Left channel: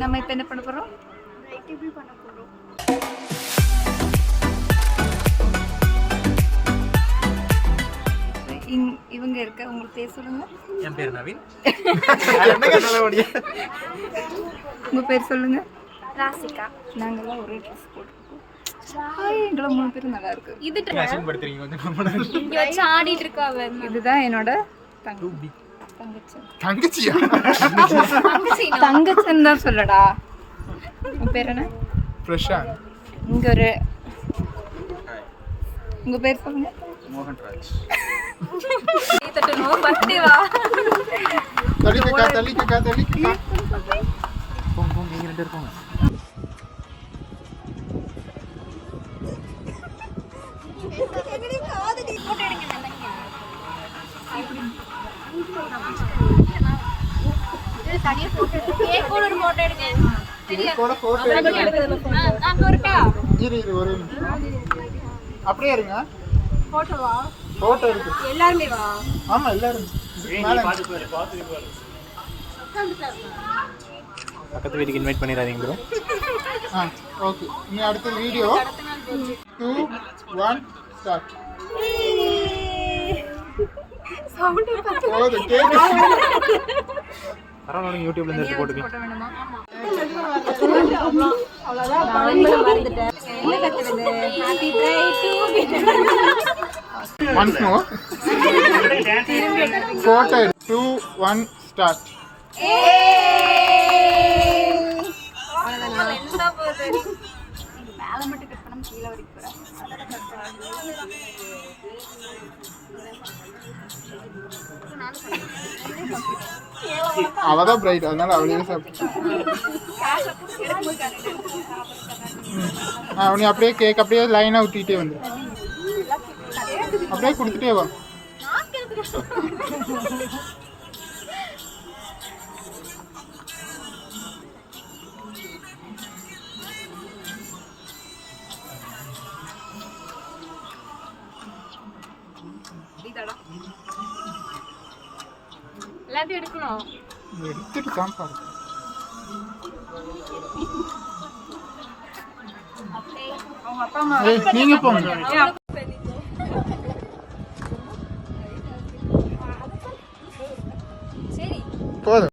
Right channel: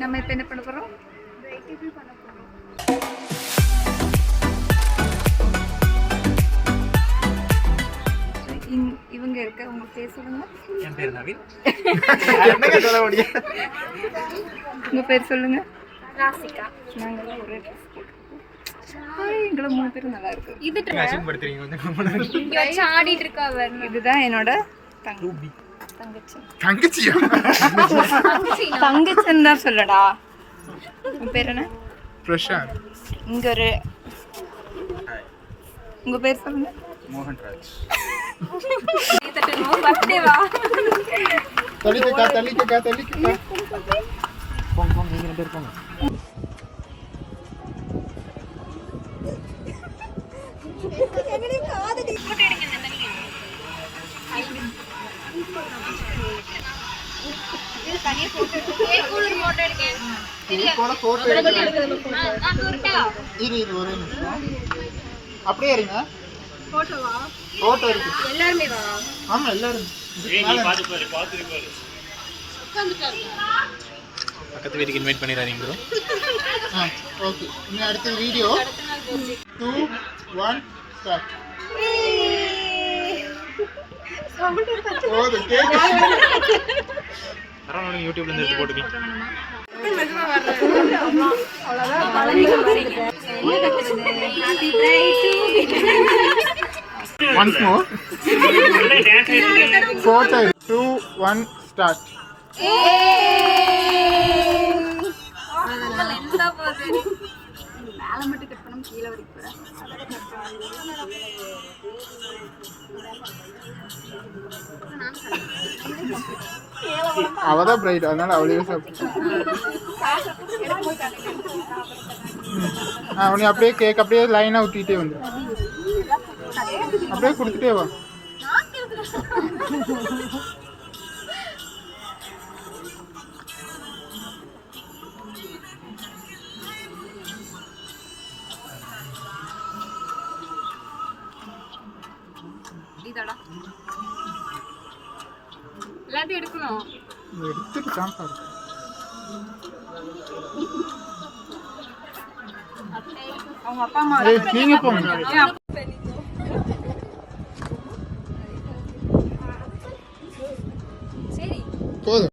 நம்ம இப்போ என்ன பண்ண போகிறோம்? இவங்க இருக்க உங்களுக்கு பேர் சொல்லுங்க. என் பேர் நவீன். உங்க பேர் சொல்லுங்க. ராசிகா. நாங்கெல்லாம் ஒரே ட்ரெஸ் போட்டுருக்கோம். எங்களை 3 பேரும் நல்லா இருக்கு. இது படுத்துறீங்க கொஞ்சம். இங்க வச்சு ஆடிட்டு இருக்கா அவ. இதுதான் என்னோட ரூபி. தங்கச்சி. தங்கச்சியா? தங்கச்சின்னு தான் சொல்லடா. உன் பேர் என்ன? பிரசாந்த். இங்க ஒரு உங்க பேர் சொல்லுங்க. மோகன்ராஜ். போங்க நீங்க 2 பேர் போங்க. தனியா போட்டோ எடுங்க. கேக்கோட ஒரு போட்டோ எடுங்க. கேக்கோட போட்டோ எடுங்க. அங்க ஒருடா. இரு ஒரு நிமிஷம். அப்படியே இருங்க. போட்டோவா? போட்டோ இருக்கு. எல்லாரும் வா. ஆமா எல்லாரும். நீ பாத்து பாரு. பக்கத்து வீட்டுக்கு இன்வைட் பண்ணிராதீங்க ப்ரோ. ஓகே. நீ அடுத்த வீடியோ 2 1 ஸ்டார்ட். சவுண்ட் ஓடு கேக். பரவாயில்லை யூடியூப்ல இருந்து எடுத்து போடுங்க. போட்டோ வேணுமா? Once more. Photo 2 1 start. மேல மட்டும் கட் பண்ணாம கீழே வரைக்கும் போறேன். அவதான் பிரைட் அதனால அவளே சாப்பிட்டு. அவனே அப்படியே கேக் அப்படியே லைனா ஊத்திட்டே வந்து. அப்படியே கொடுத்துட்டே வா. எல்லாத்தையும் எடுக்கணும். எடுத்துட்டு சாப்பாடு. அவங்க அப்பா அம்மா நீங்க போங்க. சரி போதும்.